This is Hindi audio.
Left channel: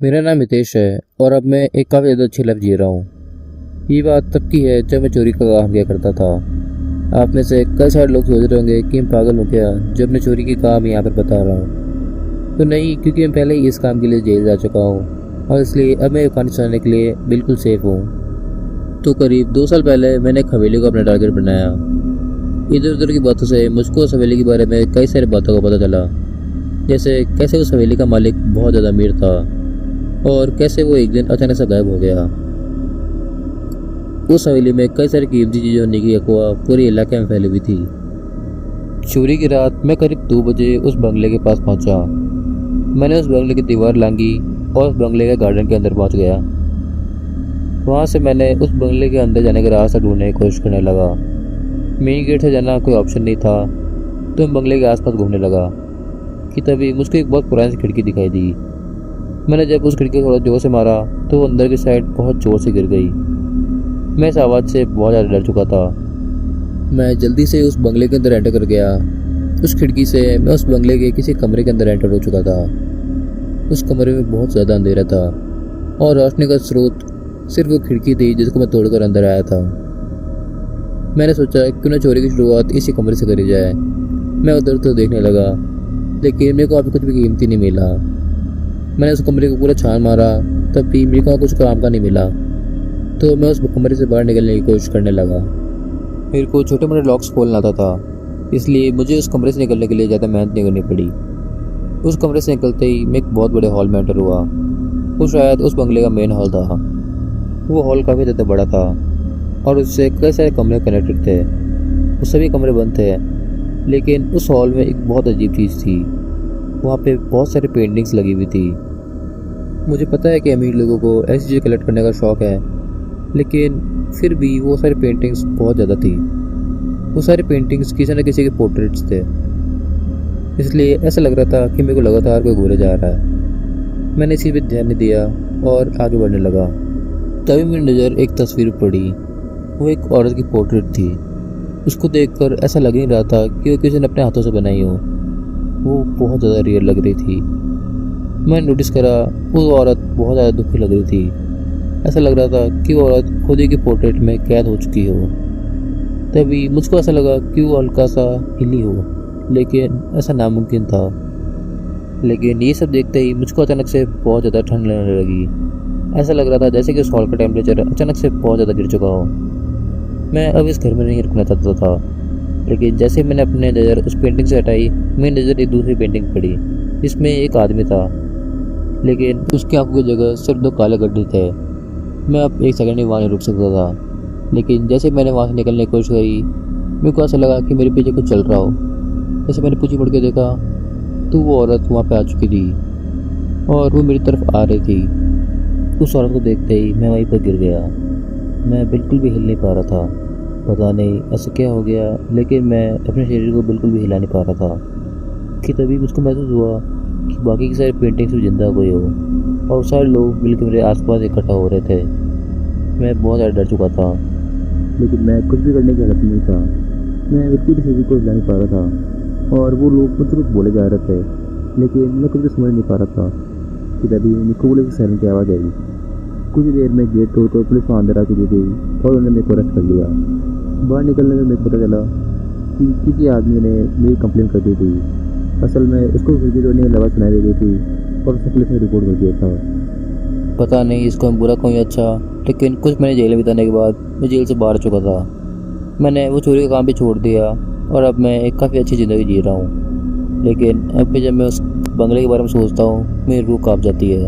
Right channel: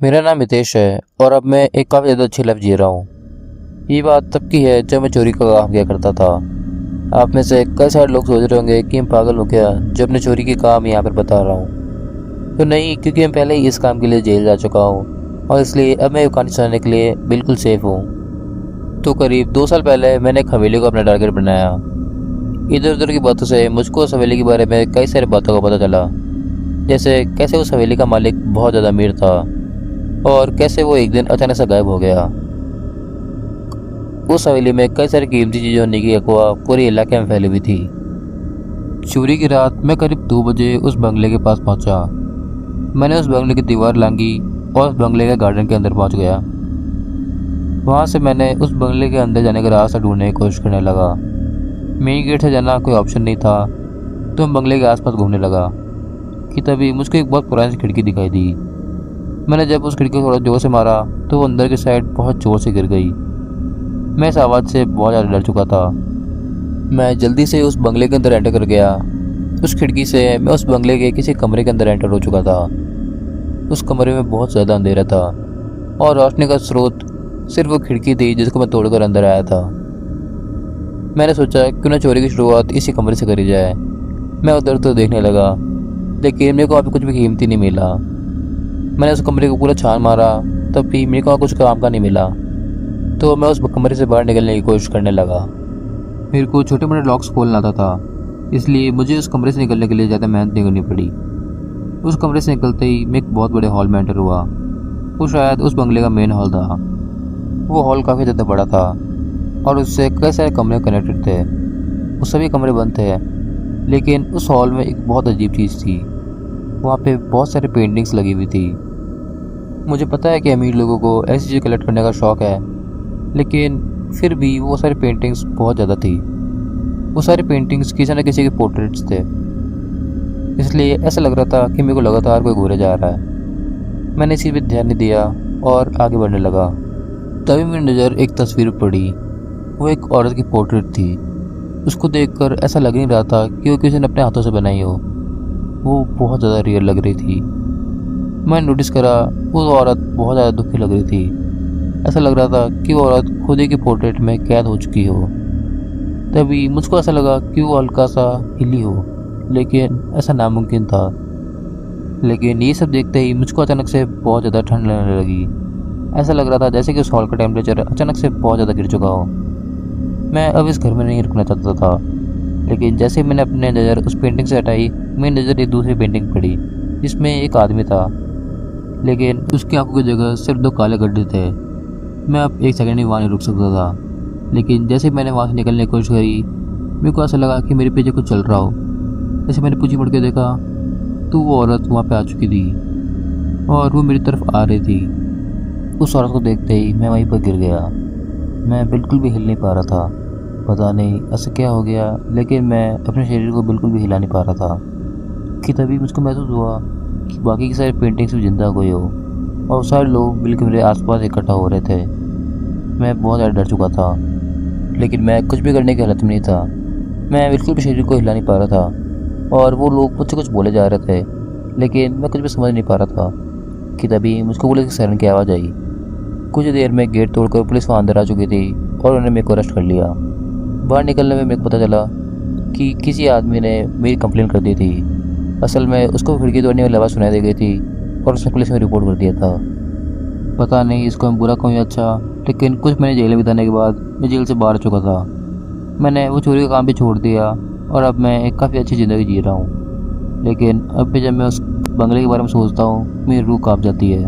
मेरा नाम हितेश है और अब मैं एक काफ़ी ज़्यादा अच्छी लाइफ जी रहा हूँ। ये बात तब की है जब मैं चोरी का काम किया करता था। आप में से कई सारे लोग सोच रहे होंगे कि मैं पागल हूँ क्या जब मैं चोरी के काम यहाँ पर बता रहा हूँ। तो नहीं, क्योंकि मैं पहले ही इस काम के लिए जेल जा चुका हूँ और इसलिए अब मैं कहानी सुनाने के लिए बिल्कुल सेफ हूँ। तो करीब 2 साल पहले मैंने एक हवेली को अपना टारगेट बनाया। इधर उधर की बातों से मुझको उस हवेली के बारे में कई सारी बातों का पता चला, जैसे कैसे उस हवेली का मालिक बहुत ज़्यादा अमीर था और कैसे वो एक दिन अचानक से गायब हो गया। उस हवेली में कई सारी कीमती चीजें होने की अफवाह पूरे इलाके में फैली हुई थी। चोरी की रात मैं करीब 2 बजे उस बंगले के पास पहुंचा। मैंने उस बंगले की दीवार लांघी और उस बंगले के गार्डन के अंदर पहुंच गया। वहां से मैंने उस बंगले के अंदर जाने का रास्ता ढूंढने की कोशिश करने लगा। मेन गेट से जाना कोई ऑप्शन नहीं था, तो मैं बंगले के आसपास घूमने लगा कि तभी मुझको एक बहुत पुरानी सी खिड़की दिखाई दी। मैंने जब उस खिड़की को थोड़ा जोर से मारा तो वो अंदर की साइड बहुत जोर से गिर गई। मैं इस आवाज़ से बहुत ज़्यादा डर चुका था। मैं जल्दी से उस बंगले के अंदर एंटर कर गया। उस खिड़की से मैं उस बंगले के किसी कमरे के अंदर एंटर हो चुका था। उस कमरे में बहुत ज़्यादा अंधेरा था और रोशनी का स्रोत सिर्फ वो खिड़की थी जिसको मैं तोड़कर अंदर आया था। मैंने सोचा क्यों ना चोरी की शुरुआत इसी कमरे से करी जाए। मैं उधर तो देखने लगा, लेकिन मेरे को अभी कुछ भी कीमती नहीं मिला। मैंने उस कमरे को पूरा छान मारा, तब भी मेरे को कुछ काम का नहीं मिला। तो मैं उस कमरे से बाहर निकलने की कोशिश करने लगा। मेरे को छोटे मोटे लॉक्स खोलना आता था, इसलिए मुझे उस कमरे से निकलने के लिए ज़्यादा मेहनत नहीं करनी पड़ी। उस कमरे से निकलते ही मैं एक बहुत बड़े हॉल में एंटर हुआ। वो शायद उस बंगले का मेन हॉल था। वो हॉल काफ़ी ज़्यादा बड़ा था और उससे कई सारे कमरे कनेक्टेड थे। वो सभी कमरे बंद थे, लेकिन उस हॉल में एक बहुत अजीब चीज़ थी। वहाँ पे बहुत सारी पेंटिंग्स लगी हुई थी। मुझे पता है कि अमीर लोगों को ऐसी चीज़ें कलेक्ट करने का शौक़ है, लेकिन फिर भी वो सारी पेंटिंग्स बहुत ज़्यादा थी। वो सारी पेंटिंग्स किसी न किसी के पोर्ट्रेट्स थे, इसलिए ऐसा लग रहा था कि मेरे को लगातार कोई घूरे जा रहा है। मैंने इसी पे ध्यान नहीं दिया और आगे बढ़ने लगा। तभी मेरी नज़र एक तस्वीर पड़ी। वो एक औरत की पोर्ट्रेट थी। उसको देखकर ऐसा लग नहीं रहा था कि वो किसी ने अपने हाथों से बनाई हो। वो बहुत ज़्यादा रियल लग रही थी। मैंने नोटिस करा वो औरत बहुत ज़्यादा दुखी लग रही थी। ऐसा लग रहा था कि वो औरत खुद ही की पोर्ट्रेट में कैद हो चुकी हो। तभी मुझको ऐसा लगा कि वो हल्का सा हिली हो, लेकिन ऐसा नामुमकिन था। लेकिन ये सब देखते ही मुझको अचानक से बहुत ज़्यादा ठंड लगने लगी। ऐसा लग रहा था जैसे कि उस हॉल का टेम्परेचर अचानक से बहुत ज़्यादा गिर चुका हो। मैं अब इस घर में नहीं रुकना चाहता था, लेकिन जैसे मैंने अपनी नज़र उस पेंटिंग से हटाई, मेरी नज़र एक दूसरी पेंटिंग पड़ी जिसमें एक आदमी था, लेकिन उसकी आंखों की जगह सिर्फ 2 काले गड्ढे थे। मैं अब एक सेकंड ही वहाँ नहीं रुक सकता था, लेकिन जैसे मैंने वहाँ से निकलने की कोशिश करी, मेरे को ऐसा लगा कि मेरे पीछे कुछ चल रहा हो। जैसे मैंने पीछे मुड़ के देखा तो वो औरत वहाँ पे आ चुकी थी और वो मेरी तरफ आ रही थी। उस औरत को देखते ही मैं वहीं पर गिर गया। मैं बिल्कुल भी हिल नहीं पा रहा था। पता नहीं ऐसा क्या हो गया, लेकिन मैं अपने शरीर को बिल्कुल भी हिला नहीं पा रहा था कि तभी मुझको महसूस हुआ कि बाकी की सारी पेंटिंग्स भी जिंदा कोई हो और सारे लोग मिलकर मेरे आसपास इकट्ठा हो रहे थे। मैं बहुत ज़्यादा डर चुका था, लेकिन मैं कुछ भी करने की हालत में नहीं था। मैं बिल्कुल भी शरीर को हिला नहीं पा रहा था और वो लोग मुझसे कुछ बोले जा रहे थे, लेकिन मैं कुछ भी समझ नहीं पा रहा था कि तभी मुझको पुलिस की सायरन की आवाज़ आई। कुछ देर में गेट तोड़कर पुलिस वहाँ अंदर आ चुकी थी और उन्होंने मेरे को अरेस्ट कर लिया। बाहर निकलने में मेरे को पता चला कि किसी आदमी ने मेरी कंप्लेंट कर दी थी। असल में उसको खिड़की तोड़ने वाली आवाज़ सुनाई दी गई थी और उसने पुलिस में रिपोर्ट कर दिया था। पता नहीं इसको हम बुरा क्यों या अच्छा, लेकिन कुछ महीने जेल में बिताने के बाद मैं जेल से बाहर आ चुका था। मैंने वो चोरी का काम भी छोड़ दिया और अब मैं एक काफ़ी अच्छी ज़िंदगी जी रहा हूँ। लेकिन अब भी जब मैं उस बंगले के बारे में सोचता हूँ, मेरी रूह काँप जाती है।